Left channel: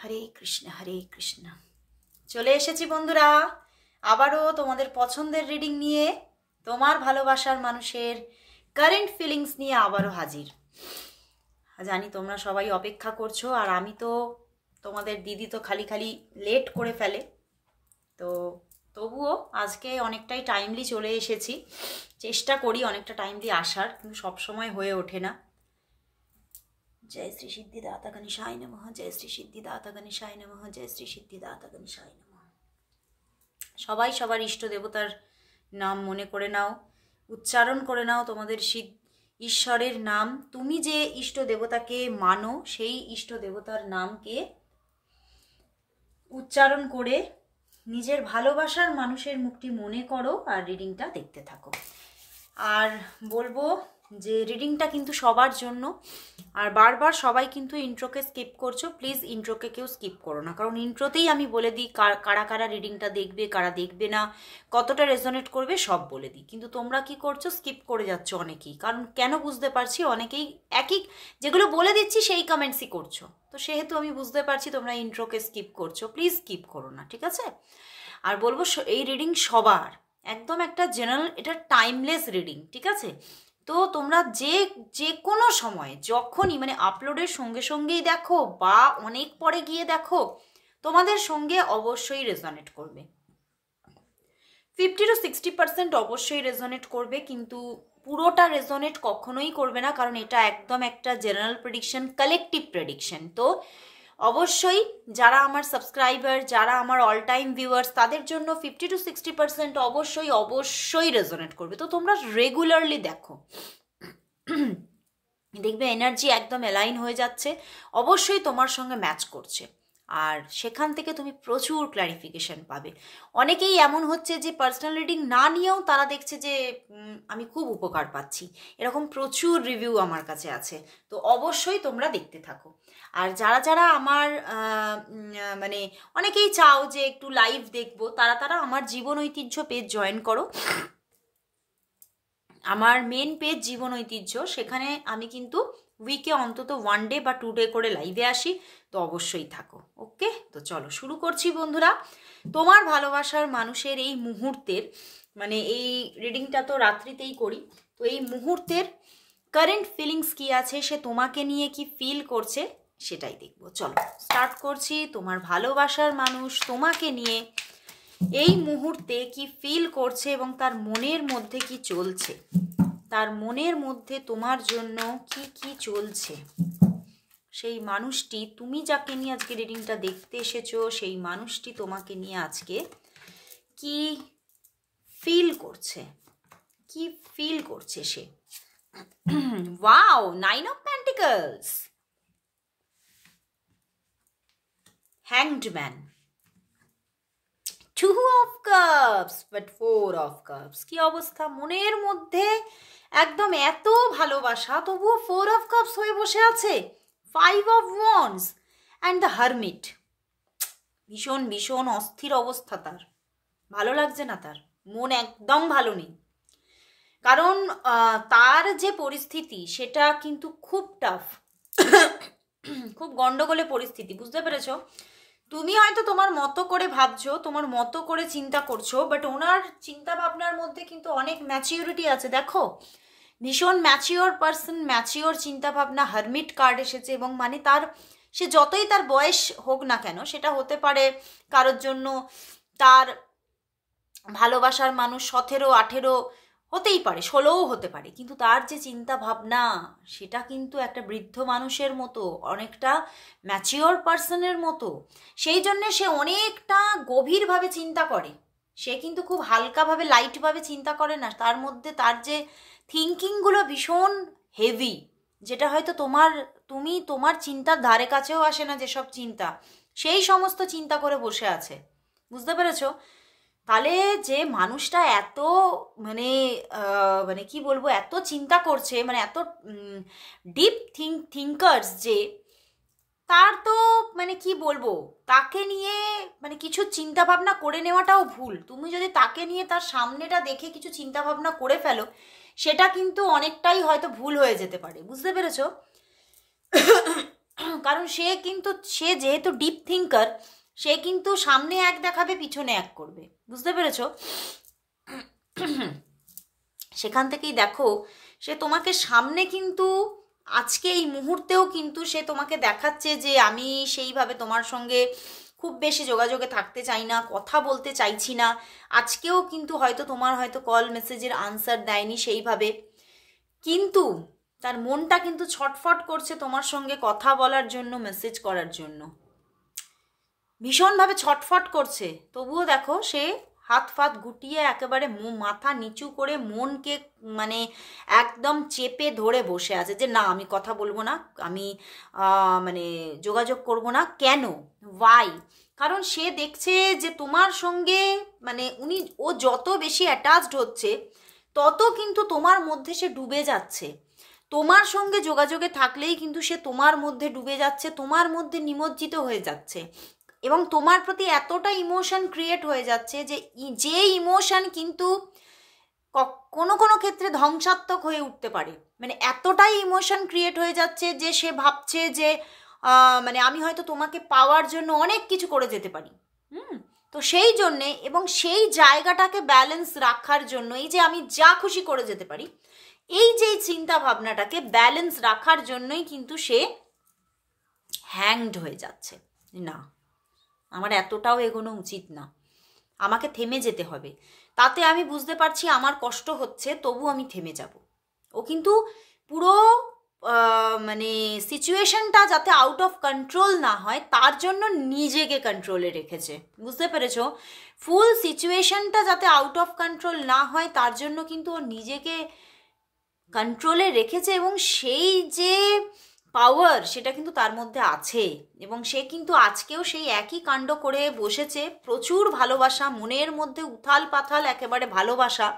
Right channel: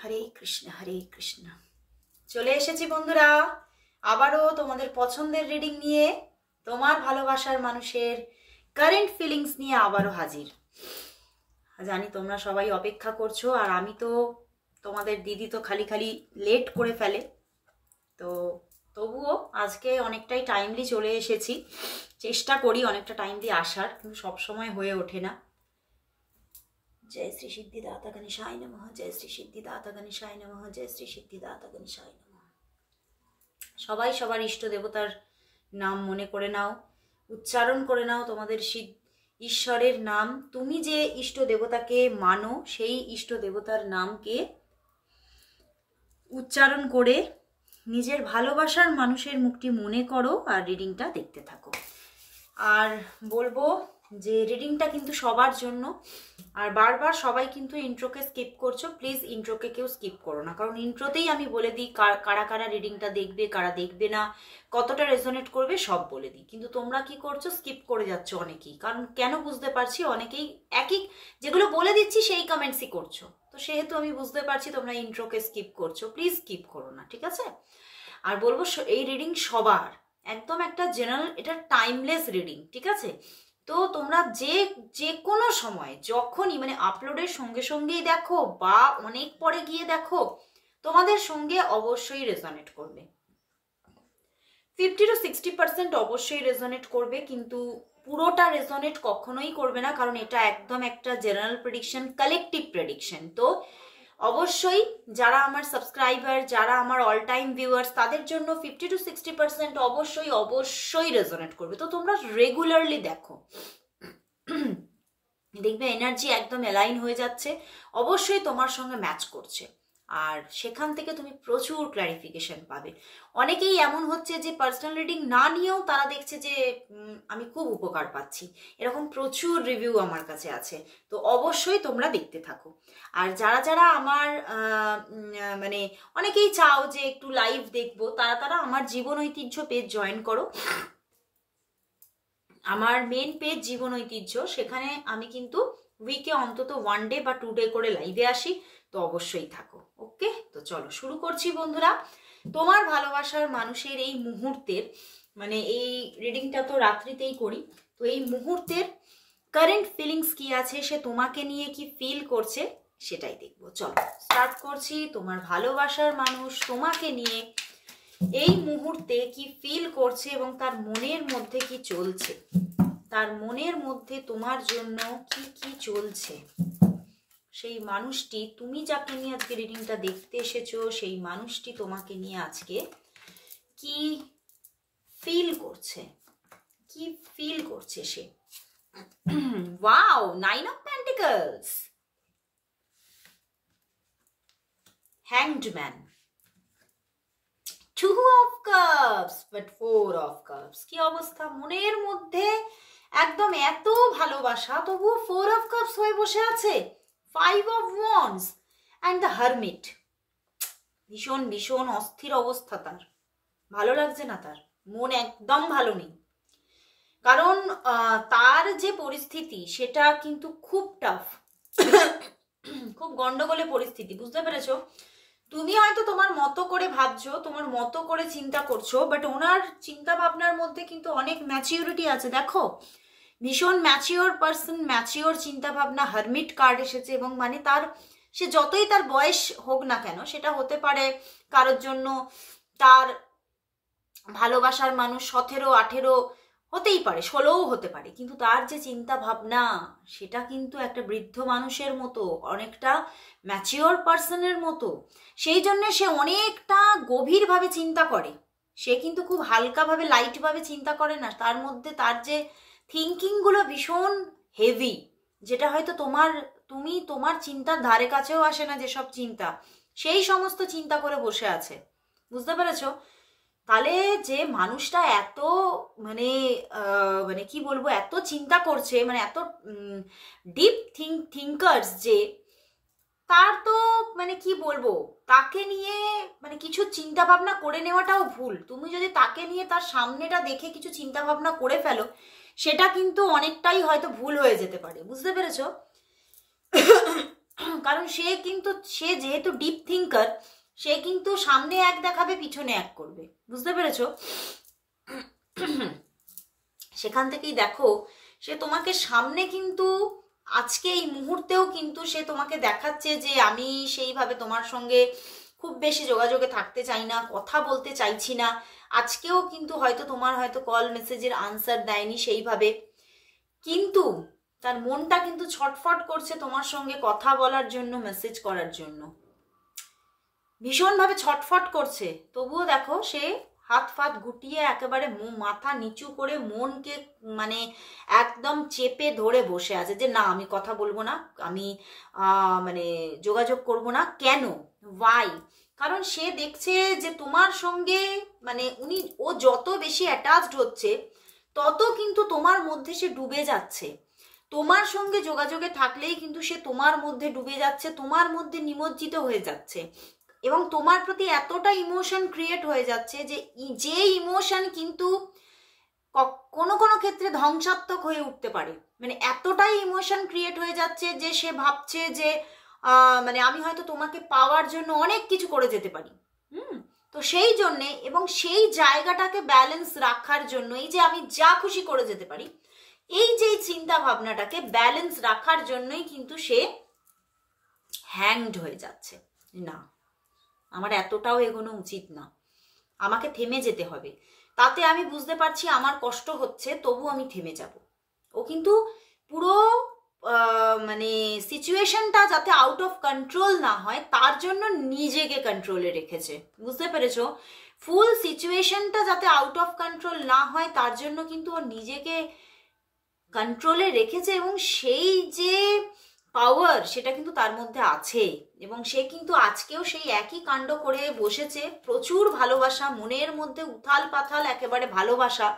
হরে কৃষ্ণ হরে কৃষ্ণ। চলে এসেছি বন্ধুরা আবারও তোমাদের পছন্দের রিডিং নিয়ে, তোমার ভালোবাসার মানুষের কারেন্ট ফিলিংস নিয়ে আবারও হাজির। জানি তোমরা সবাই অপেক্ষা করছো, আর আমি তো তোমাদের দিদি তো খালি খালি লেট করে ফেলে, তো তবুও আজকে অনেকটাই টাইমলি চলে এসেছি। চেষ্টা করি অনেকটা টাইমলি আসার, কিন্তু সবসময় হয়ে ওঠে না। जय श्री सिद्धिदाता गणेशाय नमः, जय श्री सिद्धिदाता गणेशाय नमः, जय श्री सिद्धिदाता गणेशाय नमः। সবাই সবার ইষ্ট দেবতার নাম মনে করে নাও, উচ্চারণ করে নাও তোমাদের ঈশ্বরের নাম। তুমি যে ইষ্ট দেবতাকে মানো সেই ইষ্ট দেবতার নামকে উচ্চারণ করে নিজের ভালোবাসার মানুষের মুখটি মনে করো আর রিডিংটা দেখতে থাকো। আর বলবো যে রিডিংটা কিন্তু সবার জন্য, আর বারবার সবাই কিন্তু ইন্ট্রোকে স্কিপ করছো, প্লিজ ইন্ট্রোকে কেউ স্কিপ করো না, কারণ ইন্ট্রোতেই আমি বলে দিই কারা কারা রিডিংটা দেখবে, কারা দেখবে না, কতটা রেজোনেট করবে সব বলে দিই। কিন্তু তোমরা কি করছো, স্কিপ করে যাচ্ছ অনেকেই। কারণ কেন বুঝতে পারছি, অনেকেই একই যেগুলো বলে দিচ্ছি সেই কমেন্টসই করছো, তো সেহেতু আমি বুঝতে পারছি তোমরা ইন্ট্রোকে স্কিপ করছো। প্লিজ স্কিপ করো না, ঠিক আছে? আর বলবো এই রিডিং সবার একদম একটা জেনারেল, এটা টাইমলেস রিডিং, ঠিক আছে? তো তোমরা যে কোনো সময় যখনই মানে আপলোডের সঙ্গে সঙ্গেই দেখো বা অনেক পরে গিয়ে দেখো, তোমাদের সঙ্গে অবশ্যই রেজোনেট করবে। 50 to 60% অবশ্যই রেজোনেট করবে, কিন্তু পুরোটা রেজোনেট কখনোই করবে না, কারণ এটা একদম একটা জেনারেল প্রেডিকশন, কালেকটিভ প্রেডিকশন। তো অবশ্যই যারা আমার সাবস্ক্রাইবার, যারা আমার অল টাইম ভিউয়ার্স, তাদের জন্য 50 to 60% অবশ্যই রেজোনেট করবে। তো তোমরা রেগুলারলি দেখো, দেখবে এনার্জি একদম অ্যালাইন হয়ে যাচ্ছে, অবশ্যই তোমার সঙ্গে ম্যাচ করছে, আর সেখান থেকে তুমি প্রচুর ক্ল্যারিফিকেশন পাবে। অনেকেই এমন হচ্ছে যে পার্সোনাল রিডিং না নিয়েও তারা দেখছে যে আমি খুব উপকার পাচ্ছি, এরকম প্রচুর রিভিউ আমার কাছে আছে। তো অবশ্যই তোমরা দেখতে থাকো। আর যারা যারা আমার মানে অনেকেই চাও যে একটু লাইভ দেখবো, তারা আমার জীবন ঐতিহ্য পেজ জয়েন করো। আমার মেন পেজ জীবন ঐতিহ্য, সেখানে আমি কিন্তু উইকে অন্তত 1 ডে বা 2 ডে করে লাইভে আসি, তো অবশ্যই থাকো। ওকে, তো চলো শুরু করছি বন্ধুরা। তোমার ভালোবাসার মানুষের এই মুহূর্তের, মানে এই রিডিংটা তো রাত্রিতেই করি, তো এই মুহূর্তের কারেন্ট ফিলিংস কি আছে, সে তোমাকে নিয়ে কি ফিল করছে সেটাই দেখবো। চলো স্টার্ট করছি। তোমার ভালোবাসার মানুষ তোমাকে নিয়ে এই মুহূর্তে কি ফিল করছে এবং তার মনের মধ্যে কি চলছে, তার মনের মধ্যে তোমার জন্য কি কি চলছে, সেই মানুষটি, তুমি যাকে নিয়ে আজকে রিডিংটা দেখতে এসেছো, সেই মানুষটি তোমাকে নিয়ে আজকে কি ফিল করছে, কি ফিল করছে সে। Wow, 9 of Pentacles, Hanged Man, 2 of Cups, but 4 of Cups। কি অবস্থা, মনের মধ্যে একদম এত ভালোবাসা, তবুও 4 of Cups হয়ে বসে আছে, 5 of Wands and the Hermit। ভীষণ ভীষণ অস্থির অবস্থা তার, ভালো লাগছে না, তার মন একদম ভালো নেই, কারণ তার যে পরিস্থিতি সেটা কিন্তু খুব টাফ, খুব গন্ডগোলে পরিস্থিতি, বুঝতে পেরেছো? তুমি হয়তো তোমার মতো করে ভাবছো, তোমার মতো করে চিন্তা করছো, বাট ওনার চিন্তা ভাবনার মধ্যে কিন্তু অনেক ম্যাচিউরিটি আছে। দেখো, ভীষণ ম্যাচিওর পার্সন, ম্যাচিওর চিন্তা ভাবনা। হারমিট কার্ড এসেছে, এবং মানে তার, সে যতই তার বয়স হোক না কেন, সেটা হতে পারে কারোর জন্য তার ভালোবাসার মানুষ 17, 18 হতেই পারে, 16ও হতে পারে, কিন্তু তার যে চিন্তা ভাবনা সেটা কিন্তু একটা বৃদ্ধ মানুষের মতো, অনেকটা ম্যাচিওর পার্সনের মতো। সেই জন্য সে অনেকটা গভীরভাবে চিন্তা করে, সে কিন্তু খুব হালকাভাবে লাইটভাবে চিন্তা করে না। তার মধ্যে তার যে থিঙ্কিংগুলো ভীষণ হেভি, যেটা হয়তো তোমার চিন্তার ধারে কাছেও আসে না, যেসব চিন্তা, সেই সমস্ত চিন্তা করে বসে আছে, বুঝতে পেরেছো? তাহলে যে মানুষটা এত মানে কি বলবো, এত চিন্তা করছে, মানে এত ডিপ থিঙ্কার্স, যে তার তো মানে কি বলবো, তাকে নিয়ে মানে কিছু চিন্তা ভাবনা করে নেওয়াটাও ভুল। তুমি যদি তাকে নিয়ে তার সামনেটা দেখে কিছু চিন্তা ভাবনা করে ফেলো, সেটা কিন্তু অনেকটাই হয়তো ভুল হয়ে যেতে পারে, বুঝতে পেরেছো? কারণ সে যেহেতু ডিপ থিঙ্কার, সে কিন্তু সামনে এক দেখাবে, পিছনে এক করবে, বুঝতে পেরেছো? সেখান থেকেই দেখো, সে তোমাকে সামনে কিন্তু আজকে এই মুহূর্তেও কিন্তু সে তোমাকে দেখাচ্ছে যে আমি সেইভাবে তোমার সঙ্গে খুব বেশি যোগাযোগে থাকতে চাই না, কথা বলতে চাইছি না। আজকেও কিন্তু হয়তো তোমার হয়তো কল মেসেজের আনসার দেয়নি সেইভাবে, কিন্তু তার মনটা কিন্তু ছটফট করছে তোমার সঙ্গে কথা বলার জন্য, মেসেজ করার জন্য, ভীষণভাবে ছটফট করছে। তবুও দেখো সে হাত ফাত গুটিয়ে একেবারে মাথা নিচু করে মনকে মানে একদম চেপে ধরে বসে আছে যে না, আমি কথা বলবো না, আমি মানে যোগাযোগ করব না। কেন? ওয়াই? কারণ সে দেখছে যে তোমার সঙ্গে মানে ও যত বেশি অ্যাটাচড হচ্ছে, তত কিন্তু তোমার মধ্যে সে ডুবে যাচ্ছে। তোমার সঙ্গে যোগাযোগে থাকলেই কিন্তু সে তোমার মধ্যে ডুবে যাচ্ছে, তোমার মধ্যে নিমজ্জিত হয়ে যাচ্ছে, এবং তোমার প্রতি এতটা ইমোশন ক্রিয়েট হয়ে যাচ্ছে যে ইমোশন কিন্তু কোনো কোনো ক্ষেত্রে ধ্বংসাত্মক হয়ে উঠতে পারে। মানে এতটাই ইমোশন ক্রিয়েট হয়ে যাচ্ছে যে সে ভাবছে যে মানে আমি হয়তো তোমাকে পাওয়ার জন্য অনেক কিছু করে যেতে পারি। তো সেই জন্যে এবং সেই জায়গাটাকে ব্যালেন্স রাখার জন্য, এই যে আমি যা খুশি করে যেতে পারি, এই যে চিন্তা ভাবনাটাকে ব্যালেন্স রাখার জন্যই কিন্তু সে হ্যাংড হয়ে যাচ্ছে। না, আমার এতটাও এগোনো উচিত না, আমাকে থেমে যেতে হবে। তাতে আমি বুঝতে পারছি আমার কষ্ট হচ্ছে, তবু আমি থেমে যাব। ও কিন্তু পুরো মানে সিচুয়েশনটা যাতে আউট অফ কন্ট্রোল না হয় তার জন্য নিজেকে কন্ট্রোলে রেখেছে, বুঝতে পেরেছো? ফুল সিচুয়েশনটা যাতে আউট অফ কন্ট্রোল না হয় তার জন্য কিন্তু ও নিজেকে কন্ট্রোলে রেখেছে, এবং সেই যে পাওয়ার সেটা কিন্তু তার মধ্যে আছে, এবং সে কিন্তু আজকেও সেই একই কাণ্ড করে বসেছে। প্রচুর ভালোবাসা মনের মধ্যে, উথাল পাথাল একেবারে ভালোবাসা,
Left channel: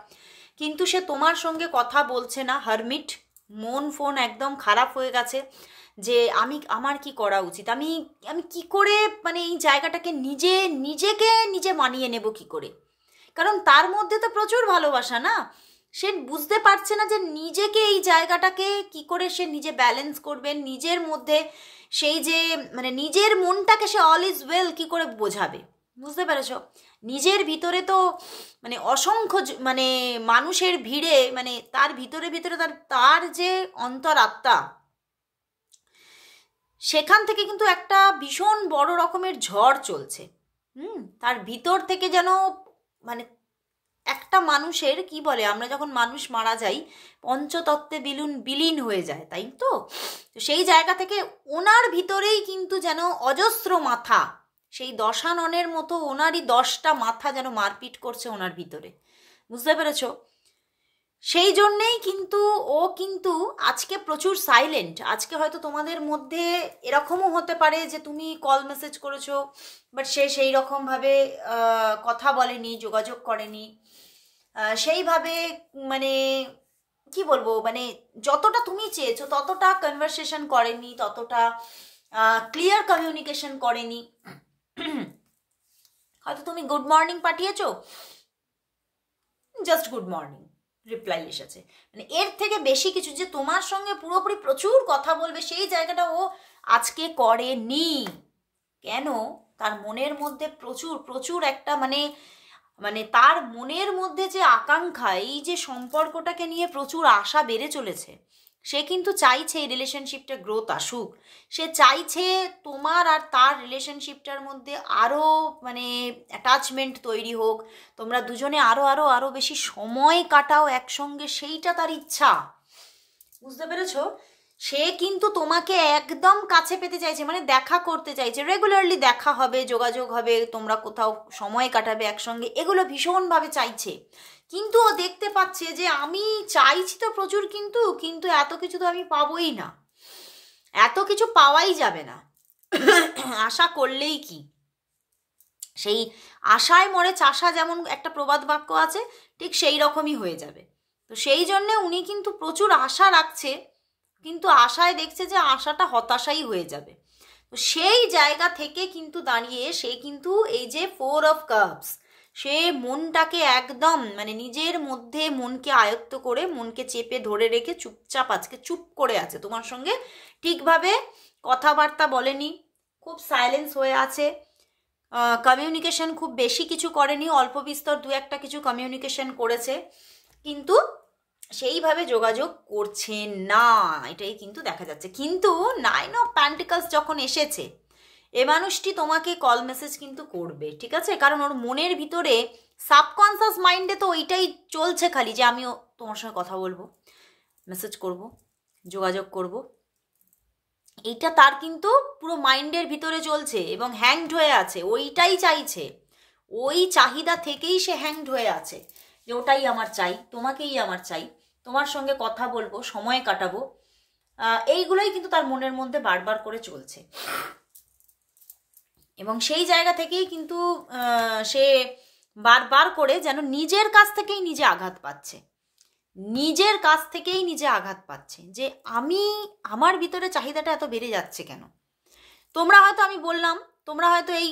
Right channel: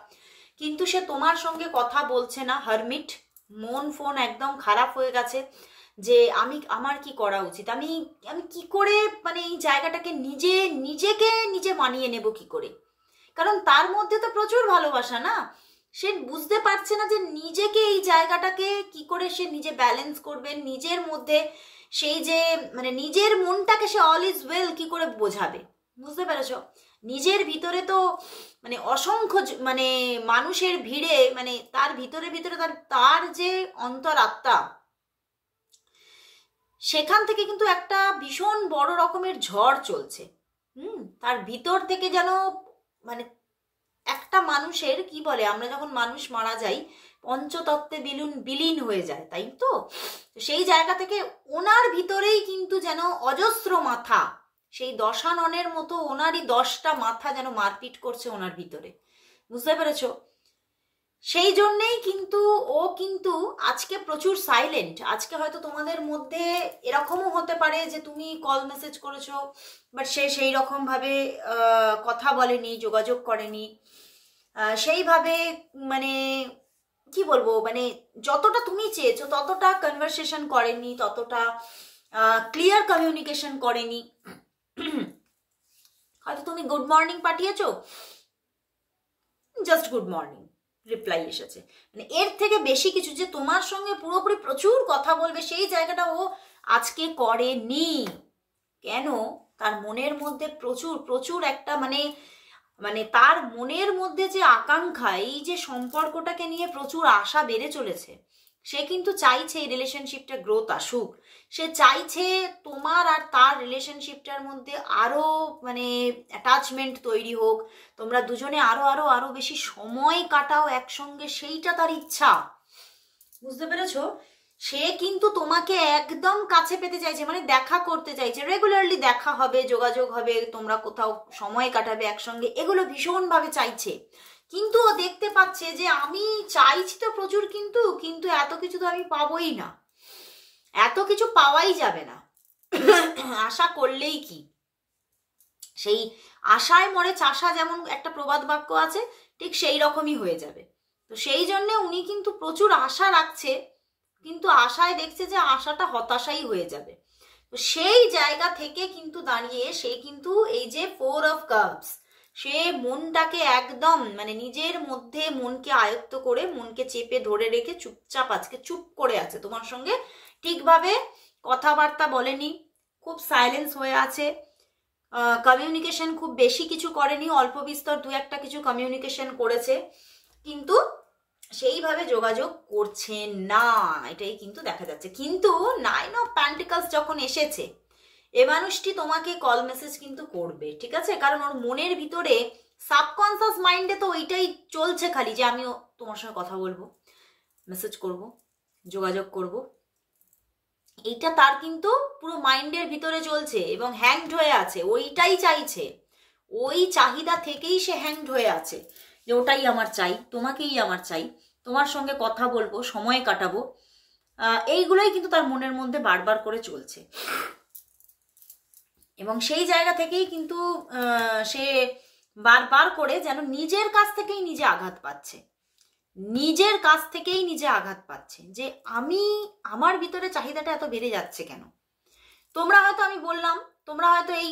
কিন্তু সে তোমার সঙ্গে কথা বলছে না। হারমিট, মন ফোন একদম খারাপ হয়ে গেছে যে আমার কি করা উচিত, আমি কি করে মানে এই জায়গাটাকে নিজে মানিয়ে নেব কি করে? কারণ তার মধ্যে তো প্রচুর ভালোবাসা না, সে বুঝতে পারছে না যে নিজেকে এই জায়গাটাকে কি করে সে নিজে ব্যালেন্স করবে, নিজের মধ্যে সেই যে মানে নিজের মনটাকে সে অল ইজ ওয়েল কি করে বোঝাবে, বুঝতে পেরেছো? নিজের ভিতরে তো মানে অসংখ্য মানে মানুষের ভিড়ে মানে তার ভিতরে তার যে অন্তরাত্মা, সেখান থেকে কিন্তু একটা ভীষণ বড় রকমের ঝড় চলছে। তার ভিতর থেকে যেন মানে একটা মানুষের কি বলে, আমরা যখন মানুষ মারা যাই পঞ্চতত্ত্বে বিলীন হয়ে যায়, তাই তো? সেই জায়গা থেকে ওনার ভিতরেই কিন্তু যেন অজস্র মাথা, সেই দশাননের মতো ওনারই 10টা মাথা যেন মারপিট করছে ওনার ভিতরে, বুঝতে পেরেছো? সেই জন্যেই কিন্তু ও কিন্তু আজকে প্রচুর সাইলেন্ট। আজকে হয়তো তোমাদের মধ্যে এরকমও হতে পারে যে তুমি কল মেসেজ করেছো, বাট সে সেই রকমভাবে কথা বলেনি, যোগাযোগ করেনি সেইভাবে, মানে কি বলবো, মানে যতটা তুমি চেয়েছো ততটা কনভারসেশন করেনি, ততটা ক্লিয়ার কমিউনিকেশন করেনি। হয়তো তুমি গুড মর্নিং পাঠিয়েছো, জাস্ট গুড মর্নিং রিপ্লাই এসেছে, মানে এর থেকে বেশি কিছু যে তোমার সঙ্গে পুরোপুরি প্রচুর কথা বলবে সেই জায়গাটা ও আজকে করেনি। কেন? তার মনের মধ্যে প্রচুর একটা মানে তার মনের মধ্যে যে আকাঙ্ক্ষা, এই যে সম্পর্কটাকে নিয়ে প্রচুর আশা বেড়ে চলেছে। সে কিন্তু চাইছে এই রিলেশনশিপটা গ্রোথ আসুক, সে চাইছে তোমার আর তার রিলেশনশিপটার মধ্যে আরো মানে অ্যাটাচমেন্ট তৈরি হোক, তোমরা দুজনে আরো বেশি সময় কাটাও একসঙ্গে, সেইটা তার ইচ্ছা, বুঝতে পেরেছো? সে কিন্তু তোমাকে একদম কাছে পেতে চাইছে, মানে দেখা করতে চাইছে, রেগুলারলি দেখা হবে, যোগাযোগ হবে, তোমরা কোথাও সময় কাটাবে একসঙ্গে, এগুলো ভীষণভাবে চাইছে। কিন্তু ও দেখতে পাচ্ছে যে আমি চাইছি তো প্রচুর, কিন্তু এত কিছু তো আমি পাবোই না, এত কিছু পাওয়াই যাবে না। আশা করলেই কি, সেই আশায় মরে চাষা, যেমন একটা প্রবাদ বাক্য আছে, ঠিক সেই রকমই হয়ে যাবে। তো সেই জন্য উনি কিন্তু প্রচুর আশা রাখছে, কিন্তু আশায় দেখছে যে আশাটা হতাশাই হয়ে যাবে। তো সেই জায়গা থেকে কিন্তু দাঁড়িয়ে সে কিন্তু এই যে 4 অফ কাপস, সে মনটাকে একদম মানে নিজের মধ্যে মনকে আয়ত্ত করে, মনকে চেপে ধরে রেখে চুপচাপ আজকে চুপ করে আছে, তোমার সঙ্গে ঠিকভাবে কথাবার্তা বলেনি, খুব সাইলেন্স হয়ে আছে, কমিউনিকেশন খুব বেশি কিছু করেনি, অল্প বিস্তর দু একটা কিছু কমিউনিকেশন করেছে, কিন্তু সেইভাবে যোগাযোগ করছেন না, এটাই কিন্তু দেখা যাচ্ছে। কিন্তু 9 অফ পেন্টিকলস যখন এসেছে, এ মানুষটি তোমাকে কল মেসেজ কিন্তু করবে, ঠিক আছে? কারণ ওর মনের ভিতরে সাবকনসিয়াস মাইন্ডে তো ওইটাই চলছে খালি, যে আমিও তোমার সঙ্গে কথা বলবো, মেসেজ করব, যোগাযোগ করব, এইটা তার কিন্তু পুরো মাইন্ডের ভিতরে চলছে এবং হ্যাংড হয়ে আছে, ওইটাই চাইছে, ওই চাহিদা থেকেই সে হ্যাংড হয়ে আছে, যে ওটাই আমার চাই, তোমাকেই আমার চাই, তোমার সঙ্গে কথা বলবো, সময় কাটাবো, এইগুলোই কিন্তু তার মনের মধ্যে বারবার করে চলছে। এবং সেই জায়গা থেকেই কিন্তু সে বারবার করে যেন নিজের কাছ থেকেই নিজে আঘাত পাচ্ছে, নিজের কাছ থেকেই নিজে আঘাত পাচ্ছে, যে আমার ভিতরে চাহিদাটা এত বেড়ে যাচ্ছে কেন। তোমরা হয়তো, আমি বললাম, তোমরা হয়তো এই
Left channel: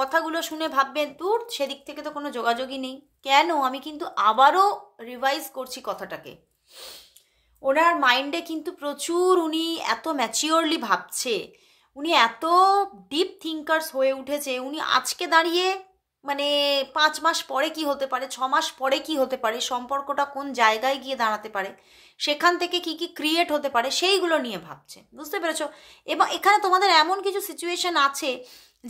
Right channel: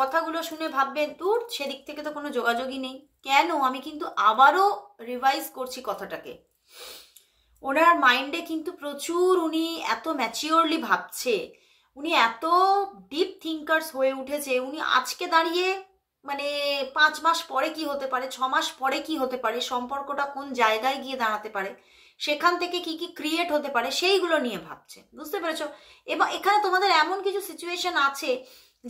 কথাগুলো শুনে ভাববে দূর, সেদিক থেকে তো কোনো যোগাযোগই নেই। কেন? আমি কিন্তু আবারও রিভাইজ করছি কথাটাকে। ওনার মাইন্ডে কিন্তু প্রচুর, উনি এত ম্যাচিওরলি ভাবছে, উনি এত ডিপ থিঙ্কার্স হয়ে উঠেছে, উনি আজকে দাঁড়িয়ে মানে 5 মাস পরে কি হতে পারে, 6 মাস পরে কি হতে পারে, সম্পর্কটা কোন জায়গায় গিয়ে দাঁড়াতে পারে, সেখান থেকে কি কি ক্রিয়েট হতে পারে, সেইগুলো নিয়ে ভাবছে, বুঝতে পেরেছো? এবং এখানে তোমাদের এমন কিছু সিচুয়েশন আছে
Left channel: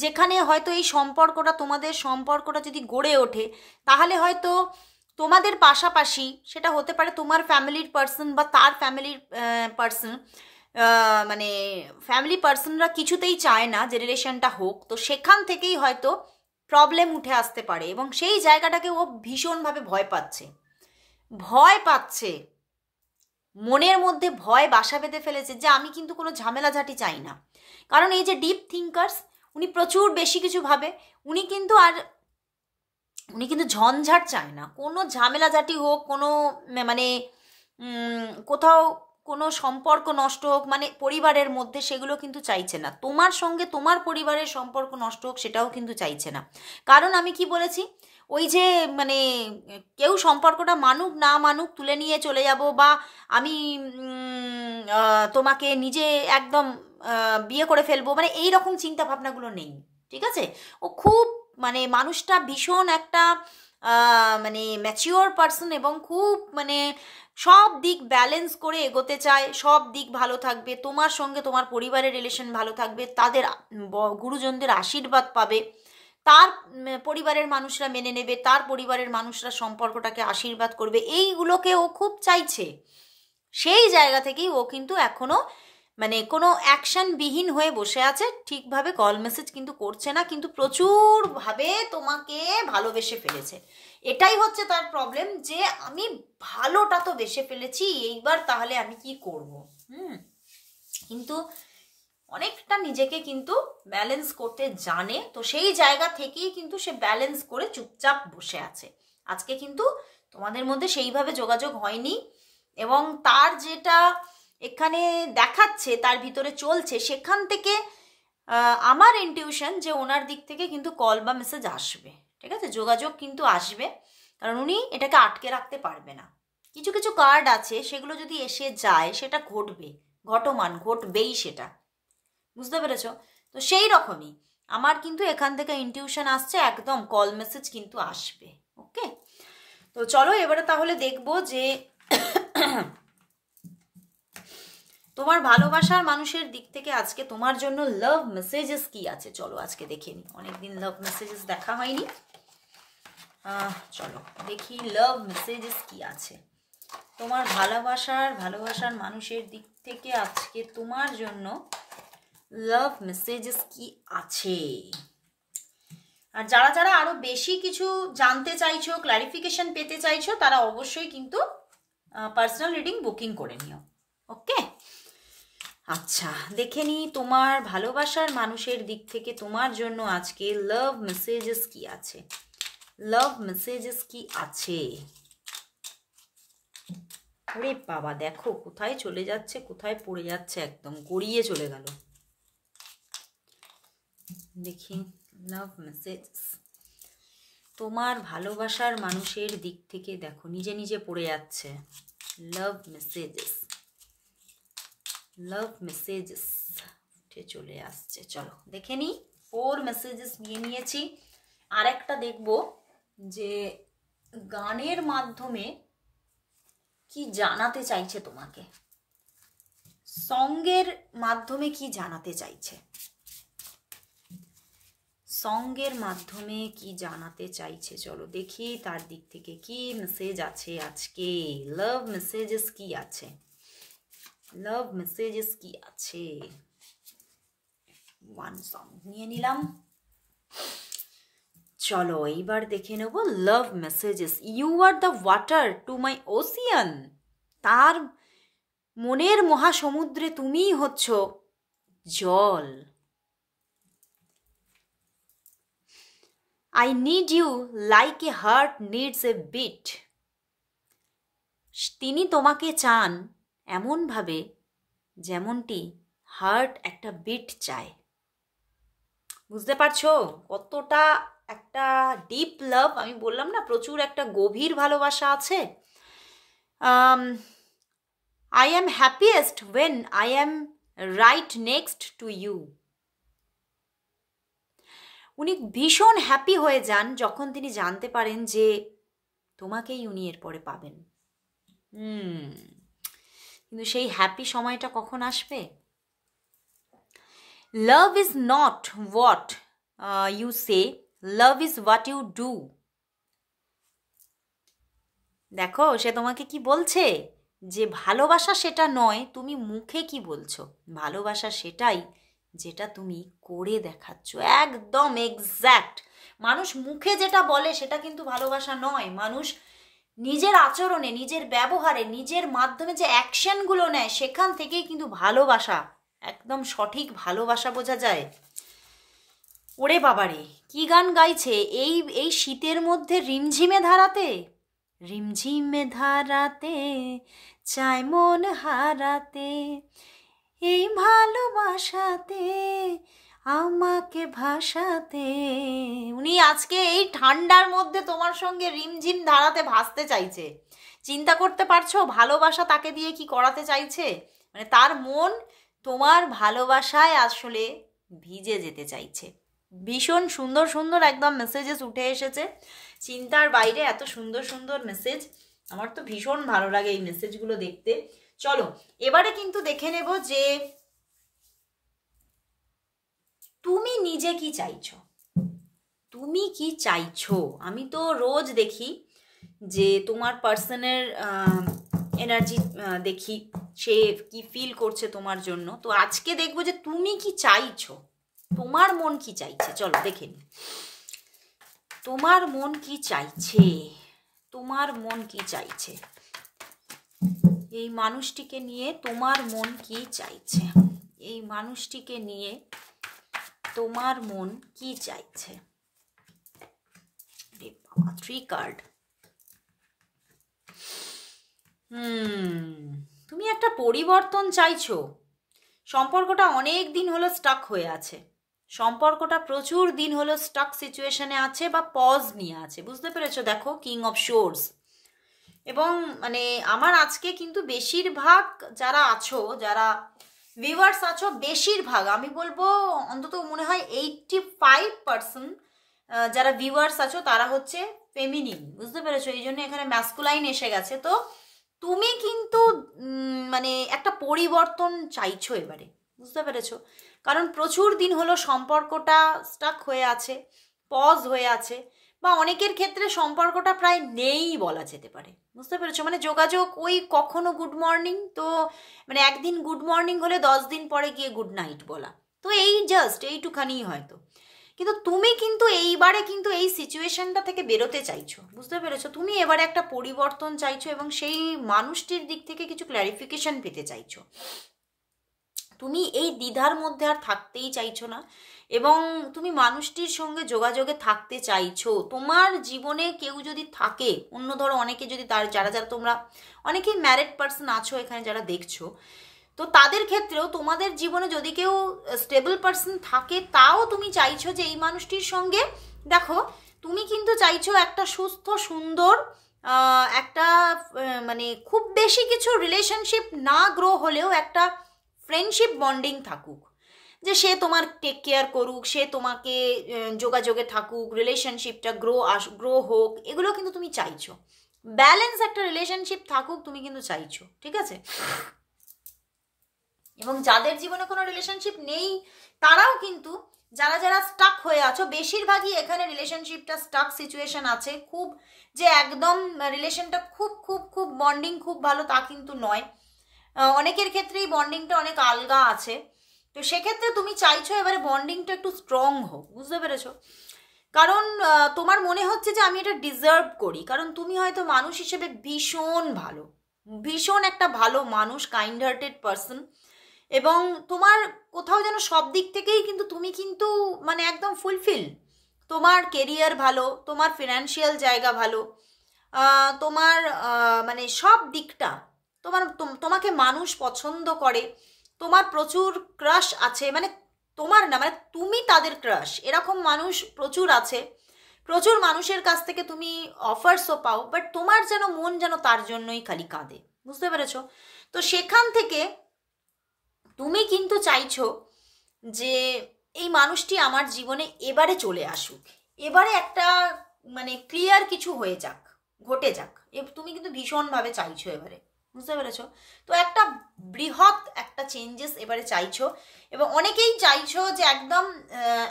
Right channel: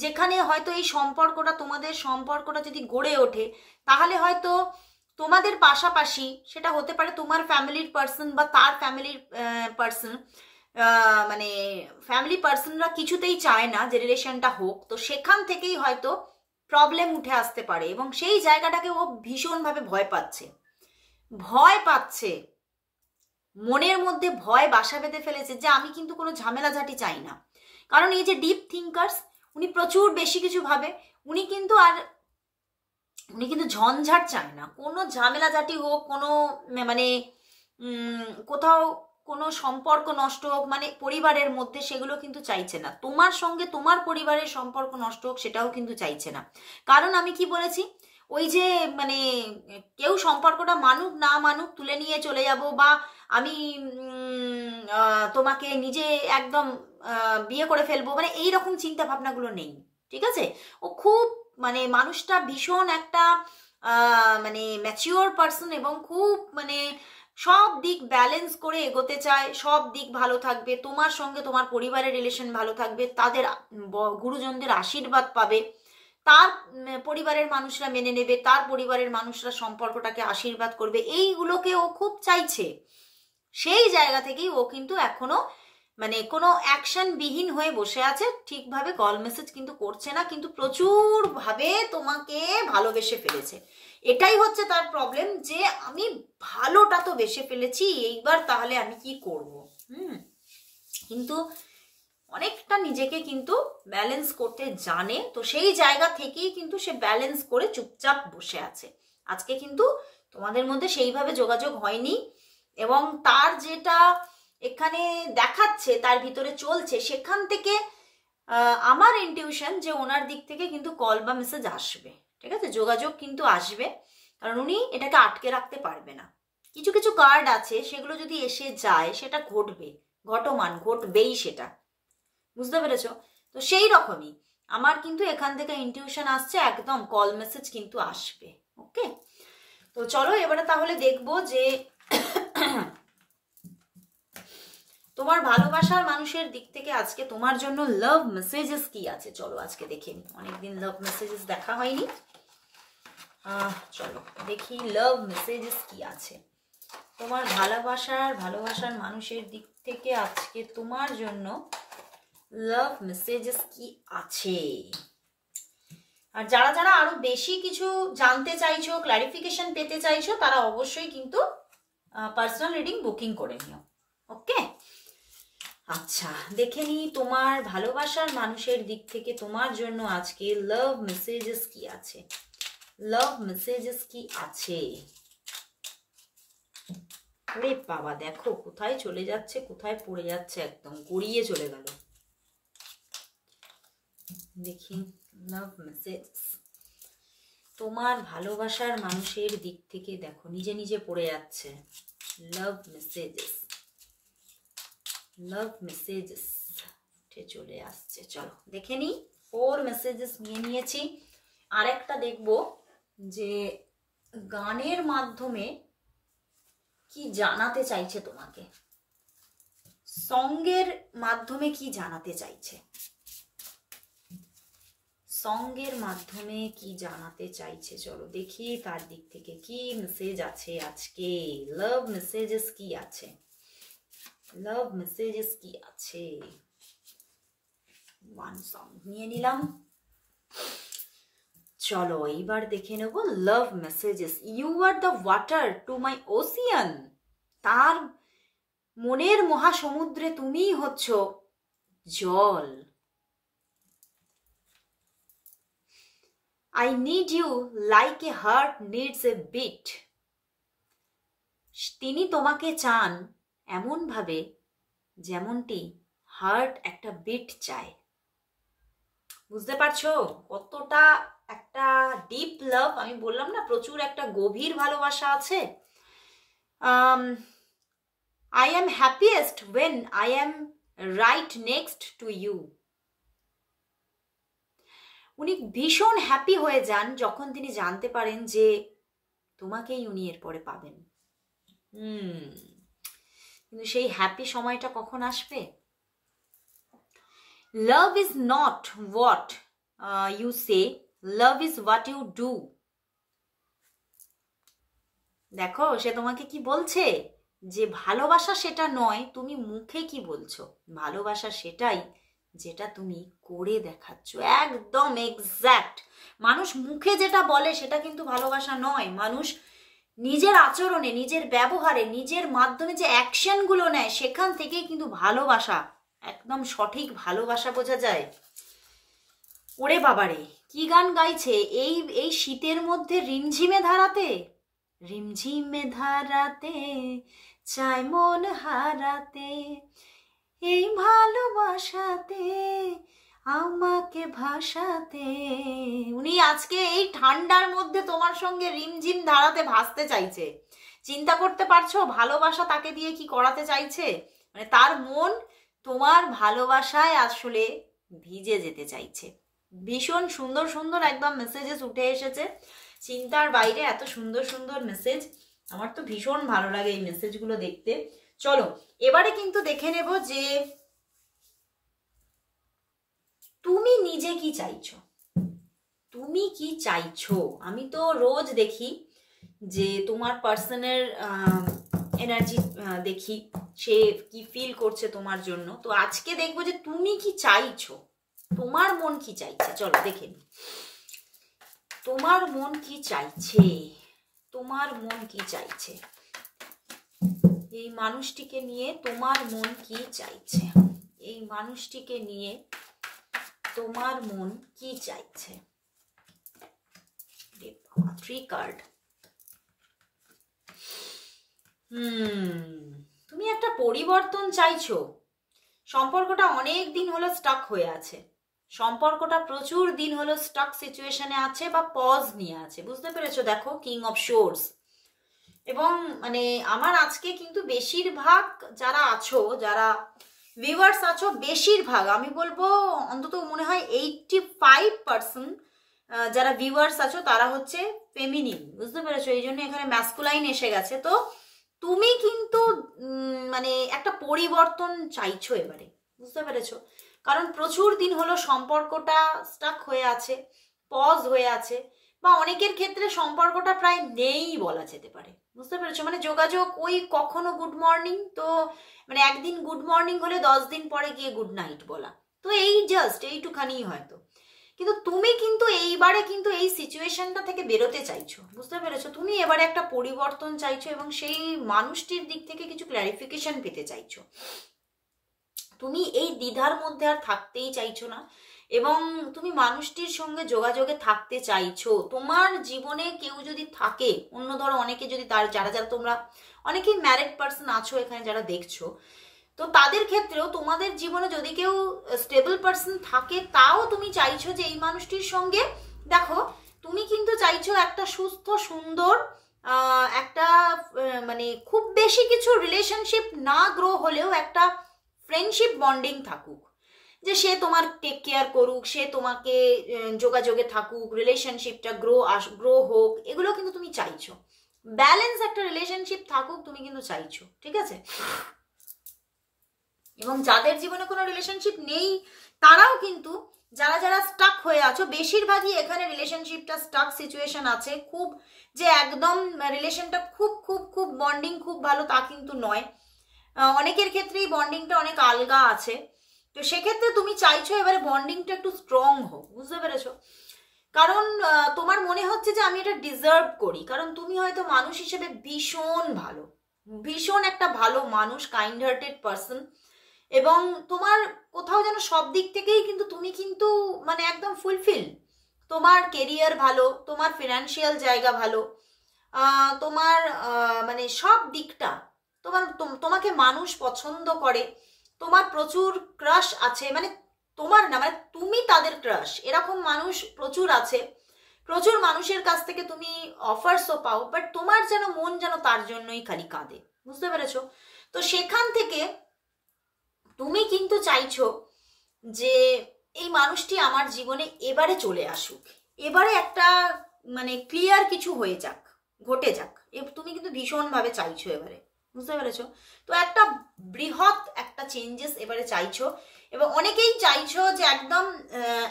যেখানে হয়তো এই সম্পর্কটা, তোমাদের সম্পর্কটা যদি গড়ে ওঠে, তাহলে হয়তো তোমাদের পাশাপাশি সেটা হতে পারে তোমার ফ্যামিলির পার্সন বা তার ফ্যামিলির পার্সন, মানে ফ্যামিলি পার্সনরা কিছুতেই চায় না যে রিলেশনটা হোক, তো সেখান থেকেই হয়তো প্রবলেম উঠে আসতে পারে, এবং সেই জায়গাটাকে ও ভীষণভাবে ভয় পাচ্ছে, মনের মধ্যে ভয় বাসা বেঁধে ফেলেছে, যে আমি কিন্তু কোনো ঝামেলাঝাটি চাই না। কারণ এই যে ডিপ থিঙ্কার্স, উনি প্রচুর বেশি কিছু ভাবে, উনি কিন্তু ঝঞ্ঝাট চায় না, কোনো ঝামেলাঝাটি হোক, কোনো মানে কোথাও কোনো সম্পর্ক নষ্ট হোক, মানে পরিবারের মধ্যে, সেগুলো কিন্তু চাইছে না। তোমার সঙ্গে তোমার পরিবারের সম্পর্ক নষ্ট হোক, সেটাও কিন্তু চাইছে না। কারণ আমি কি বলেছি, ওই যে মানে কেউ সম্পর্কটা মানুক না মানুক, তুলে নিয়ে চলে যাব, বা আমি তোমাকে নিজে একদম বিয়ে করে ফেলবো, মানে এই রকম চিন্তা ভাবনাগুলো নেই, ঠিক আছে? ও খুব মানে মানুষটা ভীষণ একটা মানে ম্যাচিওর পার্সন, এবং খুব মানে সব দিক ব্যালেন্স করে এগোতে চায়, সব দিক ভালো থাকবে, তোমার সঙ্গে তোমার পরিবারের রিলেশন ভালো থাকবে, তাদের গুরুজনদের আশীর্বাদ পাবে, তার পরিবারের মানুষরা মেনে নেবে, তার পরিবারের মানুষরা সম্পর্কটাকে আশীর্বাদ করবে, এইগুলোকে ও খুব চাইছে। সেই জায়গা থেকেই ও কিন্তু এখনো মানে কোনো অ্যাকশনবিহীন হয়ে বসে আছে, ঠিকভাবে কল মেসেজ কিন্তু করছে না, কিন্তু প্রচুরভাবে তোমাকে ভালোবেসে ফেলেছে। এটাই হচ্ছে তার প্রবলেম, যে আমি ভালোটা তো বেসে ফেলেছি, এইবার তাহলে আমি কি করব? কিন্তু অনেকটা নিজেকে কিন্তু ব্যালেন্স করতে জানে, তো সেই জায়গা থেকেই কিন্তু সে ব্যালেন্স করে চুপচাপ বসে আছে। আজকে কিন্তু তোমাদের মধ্যে সেইভাবে যোগাযোগ হয়নি, এবং তার যেটা এখানে দেখাচ্ছে, তার ভিতরে চলছে, সেখান থেকে আমার ইনটিউশন যে ওনার দিক থেকে কিন্তু কল বা মেসেজ আসবে, ঠিক আছে? যোগাযোগ কিন্তু আসবে, কারণ উনি এটাকে আটকে রাখতে পারবে না। কিছু কিছু কার্ড আছে, সেগুলো যদি এসে যায়, সেটা ঘটবে, ঘটবেই সেটা, বুঝতে পেরেছো? তো সেই রকমই আমার কিন্তু এখান থেকে ইনটিউশন আসছে, একদম কল মেসেজ কিন্তু আসবে। ওকে, তো চলো এবারে তাহলে দেখবো যে তোমার ভালোবাসার মানুষের দিক থেকে আজকে তোমার জন্য লাভ মেসেজেস কি আছে। চলো আজকে দেখে নি, অনেকদিন লাভ মেসেজেস দেখা হয়নি। চলো দেখি লাভ মেসেজেস কি আছে তোমার ভালোবাসার মানুষের দিক থেকে আজকে তোমার জন্য। লাভ মেসেজেস কি আছে? আর যারা যারা আরো বেশি কিছু জানতে চাইছো, ক্লারিফিকেশন পেতে চাইছো, তারা অবশ্যই কিন্তু পার্সোনাল রিডিং বুকিং করে নিও। ওকে, আচ্ছা দেখে নি তোমার ভালোবাসার মানুষের দিক থেকে তোমার জন্য আজকে লাভ মেসেজেস কি আছে। লাভ মেসেজেস কি আছে? আরে বাবা, দেখো কোথায় চলে যাচ্ছে, কোথায় পড়ে যাচ্ছে, একদম গড়িয়ে চলে গেল। দেখি লাভ মেসেজ তোমার ভালোবাসার মানুষের দিক থেকে, দেখো নিজে নিজে পড়ে যাচ্ছে। লাভ মেসেজেস সে চলে আসছে। চলো দেখে নিই, 4 মেসেজেস নিয়ে নিয়েছি। আর একটা দেখব যে গানের মাধ্যমে কি জানাতে চাইছে তোমাকে, সঙ্গের মাধ্যমে কি জানাতে চাইছে, সঙ্গের মাধ্যমে কি জানাতে চাইছে। চলো দেখি তার দিক থেকে কি মেসেজ আছে আজকে। লাভ মেসেজেস কি আছে, লাভ মেসেজেস কি আছে। ওয়ান সং নিয়ে নিলাম। চলো এইবার দেখে নেব love messages. You are the water to my ocean. তার মনের মহাসমুদ্রে তুমিই হচ্ছ জল। I need you like a heart needs a beat. তিনি তোমাকে চান এমনভাবে যেমনটি হার্ট একটা বিট চায়। বুঝতে পারছো কতটা একটা ডিপ লাভ। আমি বললাম না প্রচুর একটা গভীর ভালোবাসা আছে। I am happiest when I am right next to you. উনি ভীষণ হ্যাপি হয়ে যান যখন তিনি জানতে পারেন যে তোমাকেই উনি এরপরে পাবেন। কিন্তু সেই হ্যাপি সময়টা কখন আসবে? Love is not what you say, love is what you do. দেখো সে তোমাকে কি বলছে, যে ভালোবাসা সেটা নয় তুমি মুখে কি বলছো, ভালোবাসা সেটাই যেটা তুমি করে দেখাচ্ছ। একদম এক্স্যাক্ট। মানুষ মুখে যেটা বলে সেটা কিন্তু ভালোবাসা নয়। মানুষ নিজের আচরণে, নিজের ব্যবহারে, নিজের মাধ্যমে যে অ্যাকশনগুলো নেয় সেখান থেকেই কিন্তু ভালোবাসা, একদম সঠিক ভালোবাসা বোঝা যায়। ওরে বাবারে কি গান গাইছে এই শীতের মধ্যে রিমঝিমে ধারাতে, রিমঝিমে ধারাতে চাই মন হারাতে, এই ভালোবাসাতে আমাকে ভাসাতে। উনি আজকে এই ঠান্ডার মধ্যে তোমার সঙ্গে রিমঝিম ধারাতে ভাসতে চাইছে। চিন্তা করতে পারছো ভালোবাসা তাকে দিয়ে কি করাতে চাইছে? মানে তার মন তোমার ভালোবাসায় আসলে ভিজে যেতে চাইছে। ভীষণ সুন্দর সুন্দর একদম মেসেজেস উঠে এসেছে, চিন্তার বাইরে এত সুন্দর সুন্দর মেসেজ। আমার তো ভীষণ ভালো লাগে এই মেসেজগুলো দেখতে। চলো এবারে কিন্তু দেখে নেব যে তুমি নিজে কি চাইছো, তুমি কি চাইছো। আমি তো রোজ দেখি যে তোমার পার্সনের এনার্জি দেখি, সে কি ফিল করছে তোমার জন্য। তো আজকে দেখবো যে তুমি কি চাইছো, তোমার মন কি চাইছে। চলো দেখে নি তোমার মন কি চাইছে, তোমার মন কি চাইছে, এই মানুষটিকে নিয়ে তোমার মন কি চাইছে, এই মানুষটিকে নিয়ে তোমার মন কি চাইছে। 3 কার্ড। তুমি একটা পরিবর্তন চাইছো। সম্পর্কটা অনেক দিন হলো স্টাক হয়ে আছে, সম্পর্কটা প্রচুর দিন হলো স্টাক সিচুয়েশনে আছে বা পজ নিয়ে আছে। বুঝতে পেরেছো? দেখো কিং অফ শোর্স। এবং মানে আমার আজকে কিন্তু বেশিরভাগ যারা আছো, যারা ভিউয়ার্স আছো, বেশিরভাগ আমি বলবো অন্তত মনে হয় 85% যারা ভিউয়ার্স আছো তারা হচ্ছে ফেমিনিন। বুঝতে পেরেছো? এই জন্য এখানে ম্যাসকুলাইন এসে গেছে। তো তুমি কিন্তু মানে একটা পরিবর্তন চাইছো এবারে। বুঝতে পেরেছো? কারণ প্রচুর দিন হলো সম্পর্কটা স্টাক হয়ে আছে, পজ হয়ে আছে, বা অনেকের ক্ষেত্রে সম্পর্কটা প্রায় নেই বলা যেতে পারে। বুঝতে পেরেছো? মানে যোগাযোগ ওই কখনো গুড মর্নিং, তো মানে একদিন গুড মর্নিং হলে 10 দিন পরে গিয়ে গুড নাইট বলা, তো এই জাস্ট এইটুখানি হয়তো। কিন্তু তুমি কিন্তু এইবারে কিন্তু এই সিচুয়েশনটা থেকে বেরোতে চাইছো। বুঝতে পেরেছো? তুমি এবারে একটা পরিবর্তন চাইছো এবং সেই মানুষটির দিক থেকে কিছু ক্ল্যারিফিকেশন পেতে চাইছো। তুমি এই দ্বিধার মধ্যে আর থাকতেই চাইছো না এবং তুমি মানুষটির সঙ্গে যোগাযোগে থাকতে চাইছো। তোমার জীবনে কেউ যদি থাকে, অন্য ধরো অনেকে যদি যারা তোমরা অনেকেই ম্যারিড পার্সন আছো এখানে যারা দেখছো, তো তাদের ক্ষেত্রেও তোমাদের জীবনে যদি কেউ স্টেবল পার্সন থাকে, তাও তুমি চাইছো যে এই মানুষটির সঙ্গে, দেখো তুমি কিন্তু চাইছো একটা সুস্থ সুন্দর একটা মানে খুব বেশি কিছু রিলেশনশিপ না গ্রো হলেও একটা ফ্রেন্ডশিপ বন্ডিং থাকুক। যে সে তোমার টেক কেয়ার করুক, সে তোমাকে যোগাযোগে থাকুক, রিলেশনশিপটা গ্রো হোক, এগুলো কিন্তু তুমি চাইছো। ব্যালেন্স একটা রিলেশনশিপ থাকুক তুমি কিন্তু চাইছো, ঠিক আছে? এবং যাদের জীবনে কোনো রিলেশনশিপ নেই তারাও কিন্তু, যারা যারা স্টাক হয়ে আছো, বেশিরভাগই এখানে রিলেশনশিপটা স্টাক সিচুয়েশন আছে। খুব যে একদম রিলেশনটা খুব খুব খুব বন্ডিং খুব ভালো তা কিন্তু নয়, অনেকের ক্ষেত্রেই বন্ডিংটা অনেক আলগা আছে। তো সেক্ষেত্রে তুমি চাইছো এবারে বন্ডিংটা একটু স্ট্রং হোক, বুঝতে পেরেছো? কারণ তোমার মনে হচ্ছে যে আমি এটা ডিজার্ভ করি, কারণ তুমি হয়তো মানুষ হিসেবে ভীষণ ভালো, ভীষণ একটা ভালো মানুষ, কাইন্ড হার্টেড পার্সন, এবং তোমার কোথাও যেন সব দিক থেকেই কিন্তু তুমি কিন্তু মানে একদম ফুলফিল। তোমার কেরিয়ার ভালো, তোমার ফিনান্সিয়াল জায়গা ভালো, তোমার মানে সব দিকটা তোমাকে মানুষ পছন্দ করে, তোমার প্রচুর ক্রাশ আছে, মানে তোমার না, মানে তুমি তাদের ক্রাশ, এরকম মানুষ প্রচুর আছে। প্রচুর মানুষের কাছ থেকে তুমি অফার্সও পাও, বাট তোমার যেন মন যেন তার জন্যই খালি কাঁদে, বুঝতে পেরেছো? তো সেখান থেকে তুমি কিন্তু চাইছো যে এই মানুষটি আমার জীবনে এবারে চলে আসুক, এবারে একটা মানে ক্লিয়ার কিছু হয়ে যাক, ঘটে যাক, তুমি কিন্তু ভীষণভাবে চাইছো এবারে, বুঝতে পেরেছো? তো একটা বৃহৎ একটা চেঞ্জেস এবারে চাইছো, এবং অনেকেই চাইছো যে একদম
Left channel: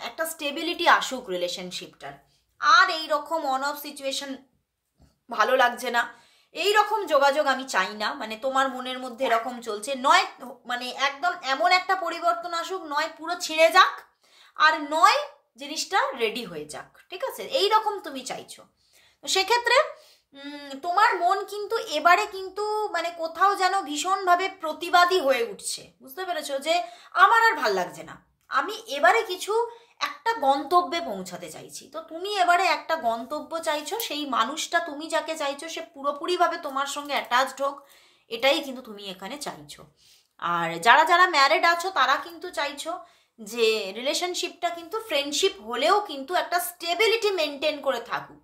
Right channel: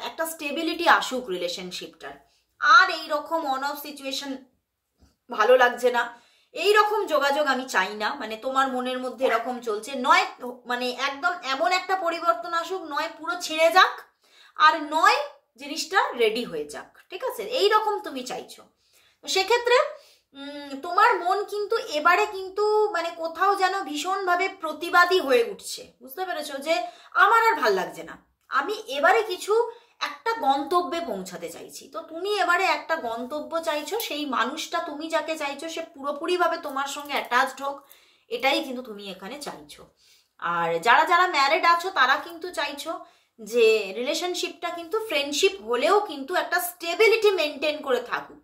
একটা স্টেবিলিটি আসুক রিলেশনশিপটার, আর এই রকম অন অফ সিচুয়েশন ভালো লাগছে না, এই রকম যোগাযোগ আমি চাই না। মানে তোমার মনের মধ্যে এরকম চলছে, নয় মানে একদম এমন একটা পরিবর্তন আসুক, নয় পুরো ছিঁড়ে যাক, আর নয় জিনিসটা রেডি হয়ে যাক, ঠিক আছে? এই রকম তুমি চাইছো। সেক্ষেত্রে তোমার মন কিন্তু এবারে কিন্তু মানে কোথাও যেন ভীষণভাবে প্রতিবাদী হয়ে উঠছে, বুঝতে পেরেছো? যে আমার আর ভাল লাগছে না, আমি এবারে কিছু একটা গন্তব্যে পৌঁছাতে চাইছি। তো তুমি এবারে একটা গন্তব্য চাইছো, সেই মানুষটা তুমি যাকে চাইছো সে পুরোপুরিভাবে তোমার সঙ্গে অ্যাটাচড হোক, এটাই কিন্তু তুমি এখানে চাইছো। আর যারা যারা ম্যারিড আছো তারা কিন্তু চাইছো যে রিলেশনশিপটা কিন্তু ফ্রেন্ডশিপ হলেও কিন্তু একটা স্টেবিলিটি মেনটেন করে থাকুক,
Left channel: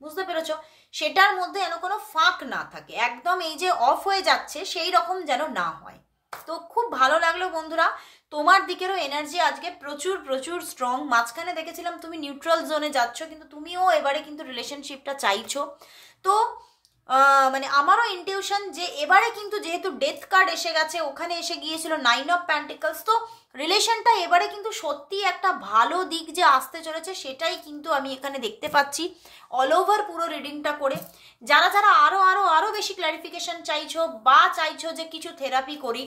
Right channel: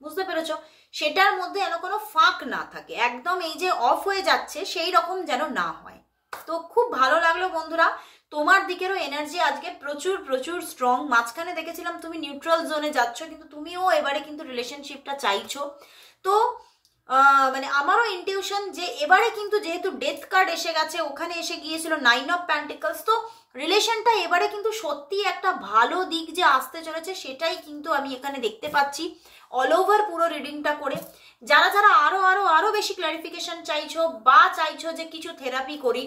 বুঝতে পেরেছো? সেটার মধ্যে যেন কোনো ফাঁক না থাকে, একদম এই যে অফ হয়ে যাচ্ছে সেই রকম যেন না হয়। তো খুব ভালো লাগলো বন্ধুরা, তোমার দিকেরও এনার্জি আজকে প্রচুর প্রচুর স্ট্রং। মাঝখানে দেখেছিলাম তুমি নিউট্রাল জোনে যাচ্ছ, কিন্তু তুমিও এবারে কিন্তু রিলেশনশিপটা চাইছো। তো মানে আমারও ইনটিউশন যে এবারে কিন্তু যেহেতু ডেথ কার্ড এসে গেছে, ওখানে এসে গিয়েছিল 9 অফ প্যান্টিকলস, তো রিলেশনটা এবারে কিন্তু সত্যি একটা ভালো দিক যে আসতে চলেছে সেটাই কিন্তু আমি এখানে দেখতে পাচ্ছি অল ওভার পুরো রিডিংটা করে। যারা যারা আরো আরো আরো বেশি ক্লারিফিকেশন চাইছো, বা চাইছো যে কিছু থেরাপি করি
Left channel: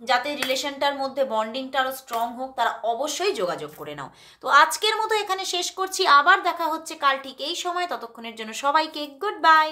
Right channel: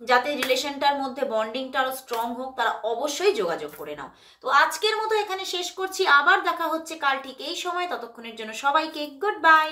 যাতে রিলেশনটার মধ্যে বন্ডিংটা আরো স্ট্রং হোক, তারা অবশ্যই যোগাযোগ করে নাও। তো আজকের মতো এখানে শেষ করছি, আবার দেখা হচ্ছে কাল ঠিক এই সময়। ততক্ষণের জন্য সবাইকে গুড বাই।